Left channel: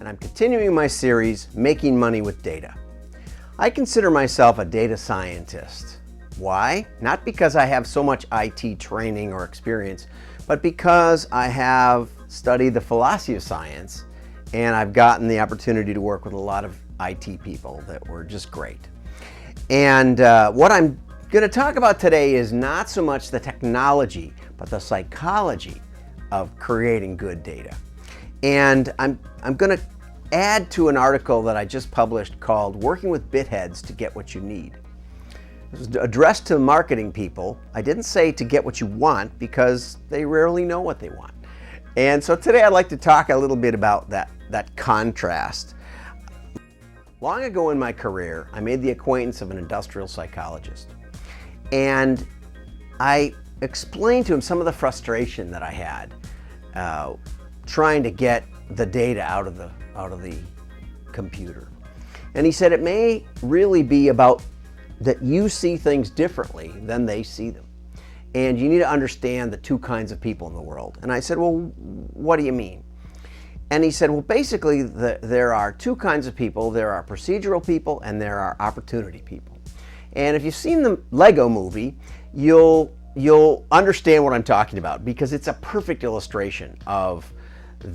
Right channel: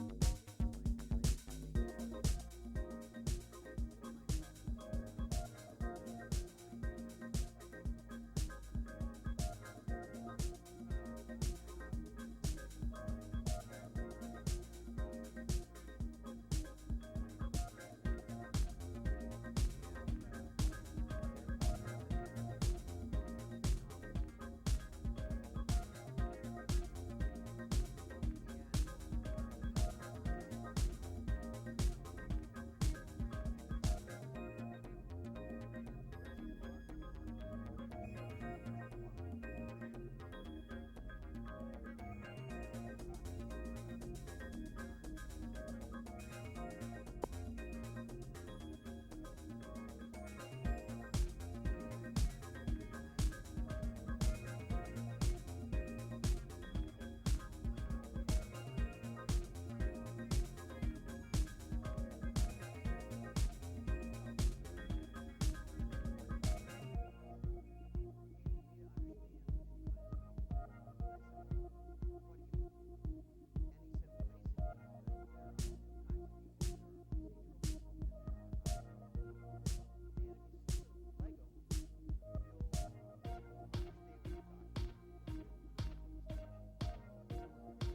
and I'm continuing my series, Making Money with Data. I consider myself a data scientist. Why? Not because I have so much IT training or experience, but because I have studied the philosophy of science, and I've gotten the opportunity to work with a lot of IT people that were just great. And what I'm going to talk about today is not so much the technology, but the psychology of creating good data. And I'm going to add to an article that I just published called Working with Bitheads to Get What You Need. It was addressed to marketing people. I didn't say to get what you want because they rarely know what they want. And so today I'd like to talk a little bit about that contrast. Long ago in my career, I made the acquaintance of an industrial psychologist. And I explained to him some of the frustration that I had trying to get the data out of the computer. And he said it may really be about that you see things differently than they see them. And you need to understand the two kinds of people in the world. And I said, well, what do you mean? And he said, well, basically there are two kinds of people. There are procedural people and there are opportunity people. And if you've seen the Lego movie, you'll understand what I'm talking about because it's a perfect illustration of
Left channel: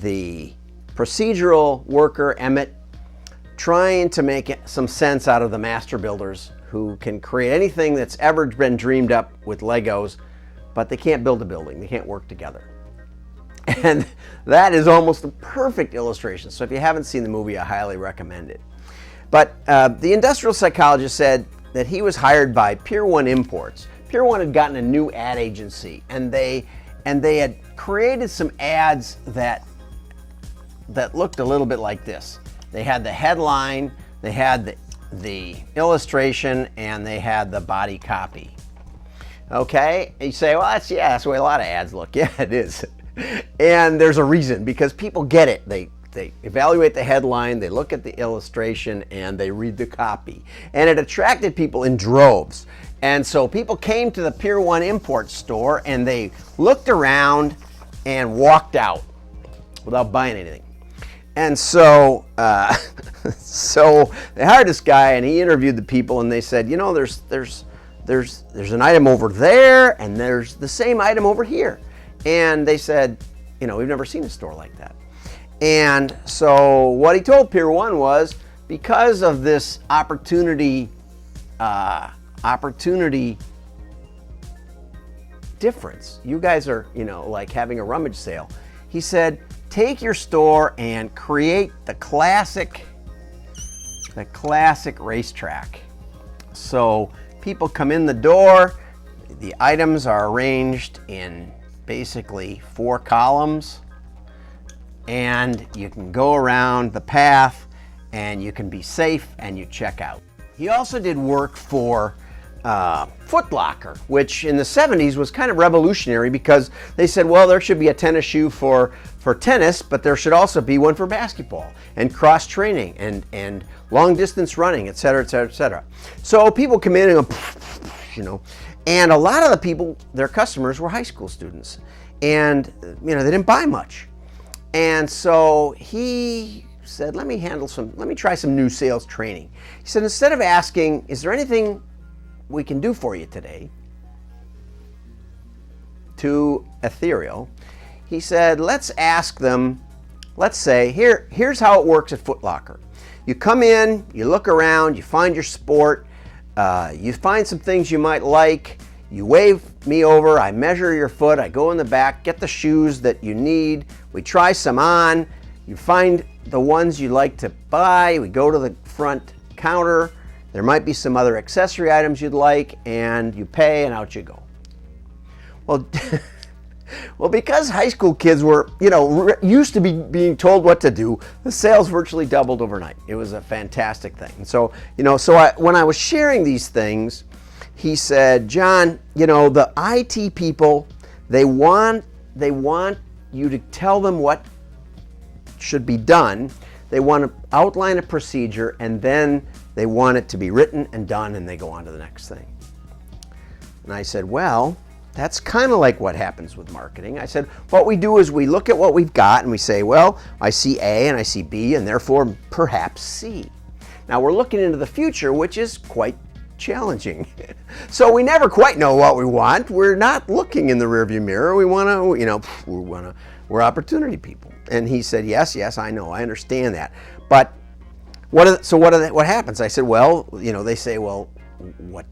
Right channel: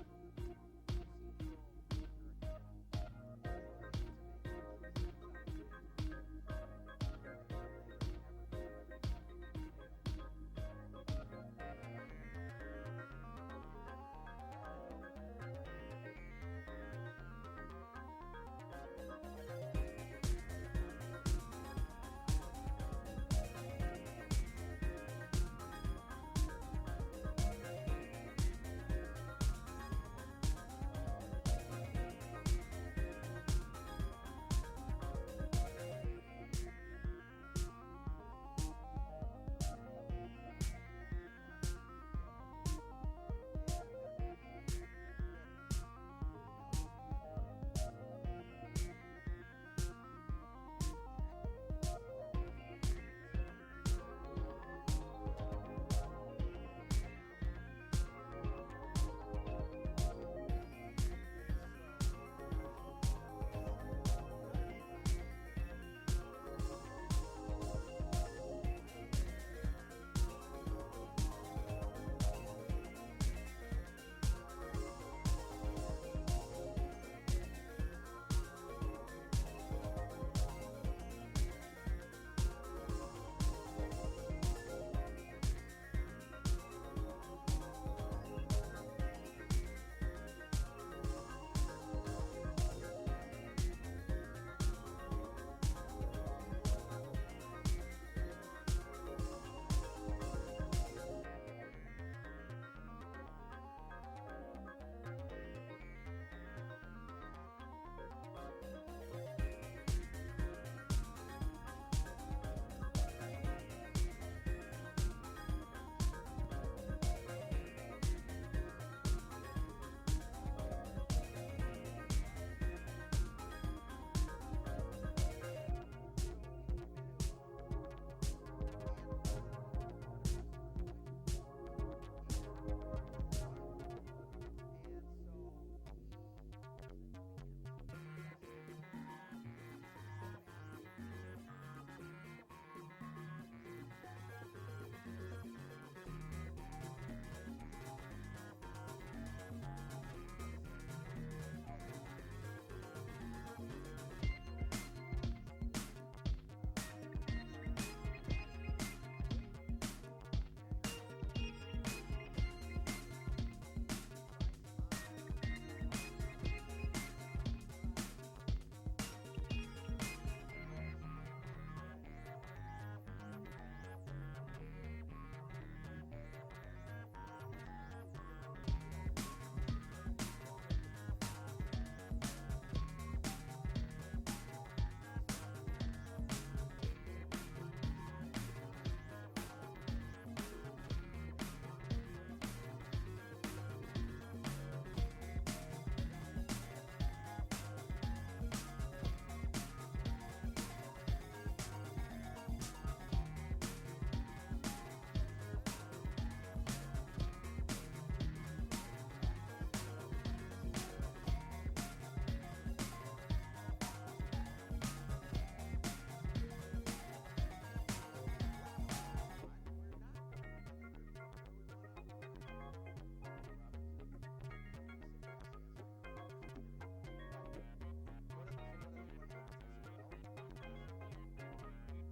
the procedural worker, Emmett, trying to make some sense out of the master builders who can create anything that's ever been dreamed up with Legos, but they can't build a building, they can't work together. And that is almost a perfect illustration. So if you haven't seen the movie, I highly recommend it. But the industrial psychologist said that he was hired by Pier 1 Imports. Pier 1 had gotten a new ad agency, and they had created some ads that looked a little bit like this. They had the headline, they had the illustration, and they had the body copy. Okay, and you say, well, that's the way a lot of ads look. Yeah, it is. And there's a reason, because people get it. They evaluate the headline, they look at the illustration, and they read the copy. And it attracted people in droves. And so people came to the Pier 1 Import store and they looked around and walked out without buying anything. And so, so they hired this guy and he interviewed the people and they said, you know, there's an item over there and there's the same item over here. And they said, you know, we've never seen a store like that. And so what he told Pier 1 was, because of this opportunity difference, you guys are, you know, like having a rummage sale. He said, take your store and create the classic racetrack. So people come in the door, the items are arranged in basically 4 columns, and you can go around the path and you can be safe and you check out. He also did work for Foot Locker, which in the 70s was kind of revolutionary because they said, well, there should be a tennis shoe for tennis, but there should also be one for basketball and cross training and long distance running, et cetera, et cetera, et cetera. So people come in and go, you know, and a lot of the people, their customers were high school students, and you know, they didn't buy much. And so he said, let me try some new sales training. He said, instead of asking, is there anything we can do for you today, to ethereal, he said, let's ask them, let's say, here's how it works at Foot Locker. You come in, you look around, you find your sport, you find some things you might like, you wave me over, I measure your foot, I go in the back, get the shoes that you need, we try some on, you find the ones you like to buy, we go to the front counter, there might be some other accessory items you'd like, and you pay and out you go. Well, well, because high school kids were, you know, used to be being told what to do, the sales virtually doubled overnight. It was a fantastic thing. And so, you know, when I was sharing these things, he said, John, you know, the IT people, they want you to tell them what should be done. They want to outline a procedure, and then they want it to be written and done, and they go on to the next thing. And I said, well, That's kind of like what happens with marketing. I said, what we do is we look at what we've got and we say, well, I see A and I see B and therefore perhaps C. Now we're looking into the future, which is quite challenging. So we never quite know what we want. We're not looking in the rearview mirror. We want to, we're opportunity people. And he said, yes, I know, I understand that. But what happens? I said, well, they say, well, what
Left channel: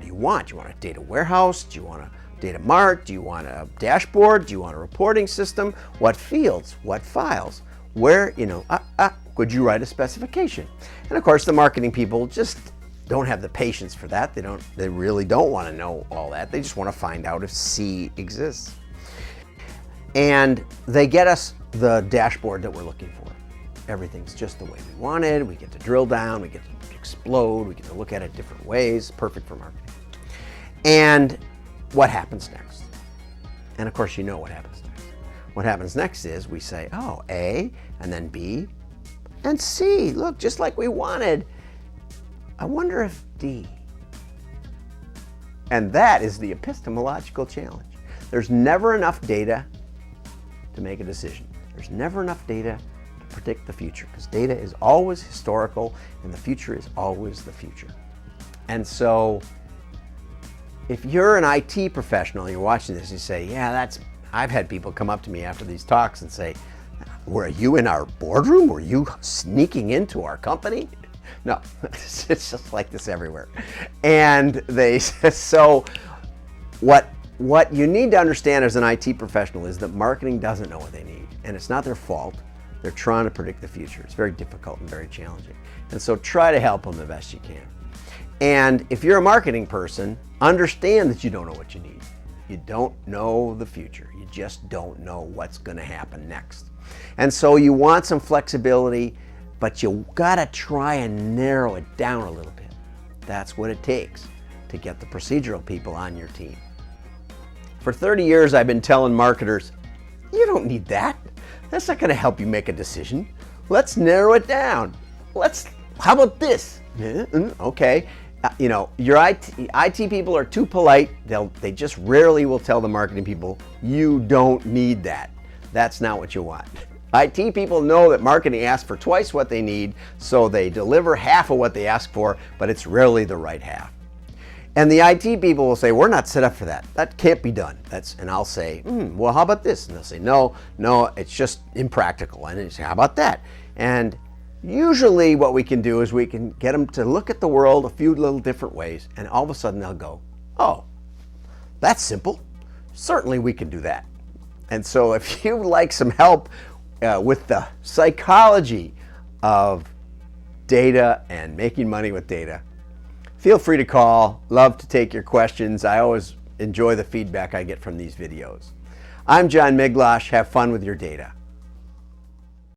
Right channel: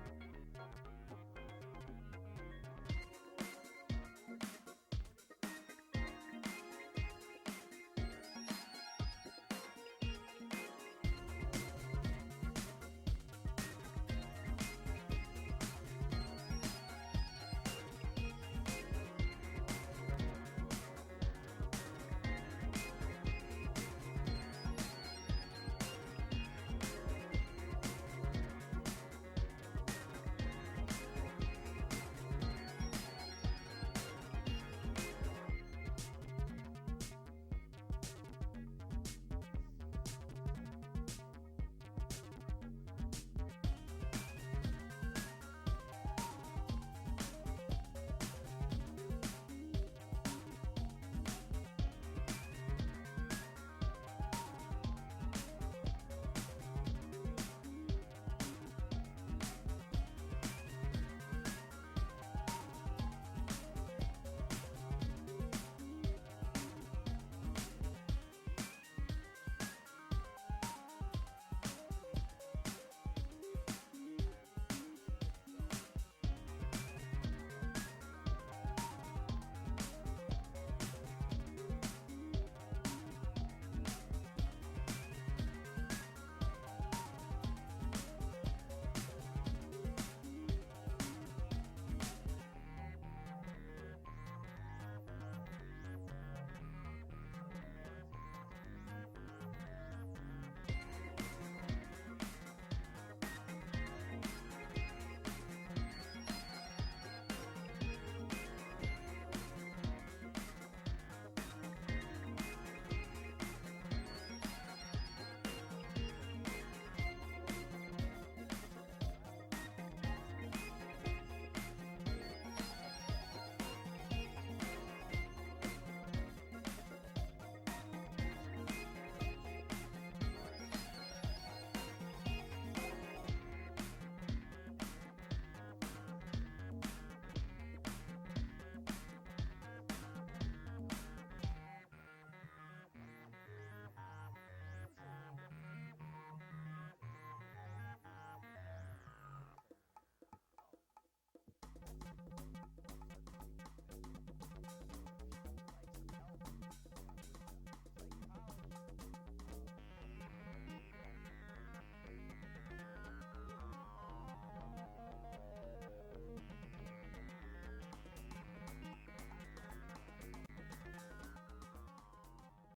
do you want? Do you want a data warehouse? Do you want a data mart? Do you want a dashboard? Do you want a reporting system? What fields? What files? Where, could you write a specification? And of course, the marketing people just don't have the patience for that. They really don't want to know all that. They just want to find out if C exists. And they get us the dashboard that we're looking for. Everything's just the way we wanted. We get to drill down, we get to explode, we get to look at it different ways. Perfect for marketing. And what happens next? And of course, you know what happens next. What happens next is we say, oh, A, and then B, and C. Look, just like we wanted. I wonder if D. And that is the epistemological challenge. There's never enough data to make a decision. There's never enough data to predict the future, because data is always historical and the future is always the future. And so if you're an IT professional, you're watching this, and you say, yeah, I've had people come up to me after these talks and say, were you in our boardroom? Were you sneaking into our company? No, it's just like this everywhere. And they so what you need to understand as an IT professional is that marketing doesn't know what they need, and it's not their fault. They're trying to predict the future. It's very difficult and very challenging. And so try to help them the best you can. And if you're a marketing person, understand that you don't know what you need. You don't know the future. You just don't know what's going to happen next. And so you want some flexibility, but you gotta try and narrow it down a little bit. That's what it takes to get the procedural people on your team. For 30 years, I've been telling marketers, you don't need that. That's not gonna help you make a decision. Let's narrow it down. How about this? Okay. Your IT people are too polite. They just rarely will tell the marketing people, you don't need that. That's not what you want. IT people know that marketing asks for twice what they need, so they deliver half of what they ask for, but it's rarely the right half. And the IT people will say, we're not set up for that. That can't be done. And I'll say, well, how about this? And they'll say, no, it's just impractical. And they say, how about that? And usually what we can do is we can get them to look at the world a few little different ways, and all of a sudden they'll go, oh, that's simple. Certainly we can do that. And so if you'd like some help with the psychology of data and making money with data, feel free to call. Love to take your questions. I always enjoy the feedback I get from these videos. I'm John Miglosh. Have fun with your data.